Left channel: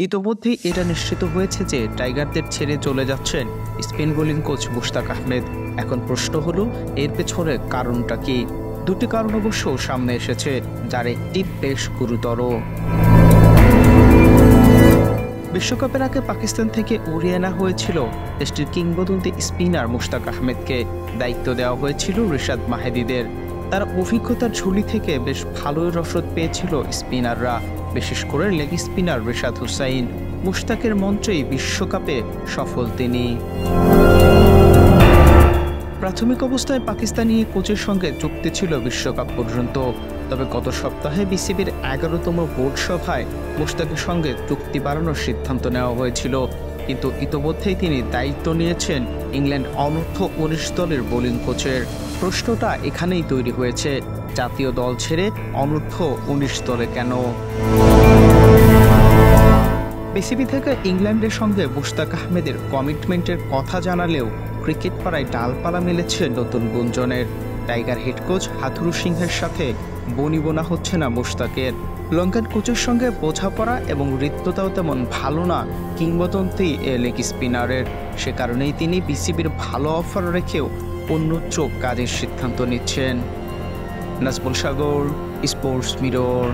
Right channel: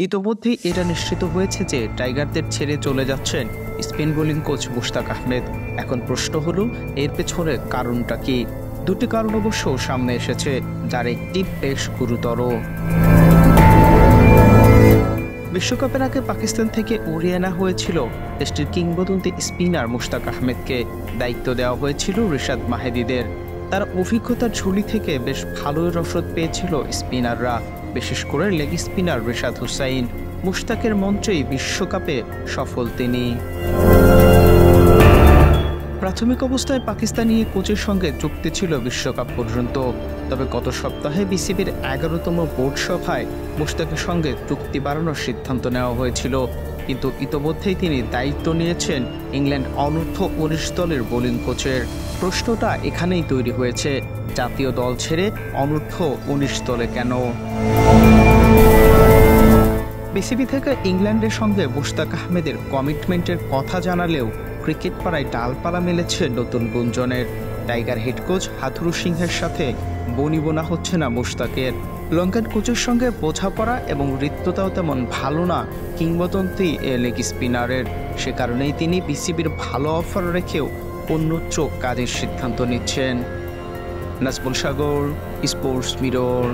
ইতোমধ্যেই এটা নিশ্চিত হয়েছে যে টাইগারদের ছেড়ে চলে যাচ্ছেন spin bowling coach Mushtaq Ahmed. এখন প্রশ্ন হলো, এর পেছনে কারণটা কি? দুটি কারণ অবশ্য সামনে এসেছে, যার একটি বেশ গুরুতর। বিশ্বকাপের আগে পাকিস্তান থেকে উড়িয়ে আনা হয়েছিল দেশটির কিংবদন্তি স্পিনার মুশতাক আহমেদকে। দায়িত্ব দেওয়া হয়েছিল রিশাদ মাহেদিদের। তার অভিজ্ঞতার ঝুলি থেকে বেশ ভালোই রসদ পেয়েছিল স্পিনাররা, বিশেষ করে লেগ স্পিনার রিশাদ হুসাইন। মুশতাকের মঞ্চেই বিশ্বকাপে সফল তিনি। প্রাথমিক অবস্থায় পাকিস্তানি কোচের সঙ্গে চুক্তি ছিল বিশ্বকাপ পর্যন্ত। তবে গত সপ্তাহে বিসিবির 11তম বোর্ড সভায় মুশতাকের সঙ্গে চুক্তি বাড়ানোর সিদ্ধান্ত নেওয়া হয়েছিল। কিন্তু ইতোমধ্যেই তিনি দায়িত্ব নিয়েছেন ইংল্যান্ড অনূর্ধ্ব-19 দলের বোলিং কোচের। প্রশ্নটা এখানেই তৈরি হয়েছে, জাতীয় দল ছেড়ে অনূর্ধ্ব-19 দলে কেন? বিসিবি থেকে ইংল্যান্ডের সঙ্গে মুশতাক আহমেদের কমিটমেন্টের কথা জানালেও ক্রিকেট পাড়ায় ডালপালা মেলেছে নতুন গুঞ্জনের। টাইগার হেড কোচ হাথুরু সিংহের সাথে বনিবনা হচ্ছে না মুশতাকের। লঙ্কান কোচের সঙ্গে বোঝাপড়া এবং হৃদ্যতাও তেমন ভালো না কিংবদন্তি লেগ স্পিনারের। সে কারণেই তিনি বিসিবির ভালো অফার রেখেও অন্যত্র কাজের সিদ্ধান্ত নিচ্ছেন। নাজমুল সাগর, স্পোর্টস মিরর।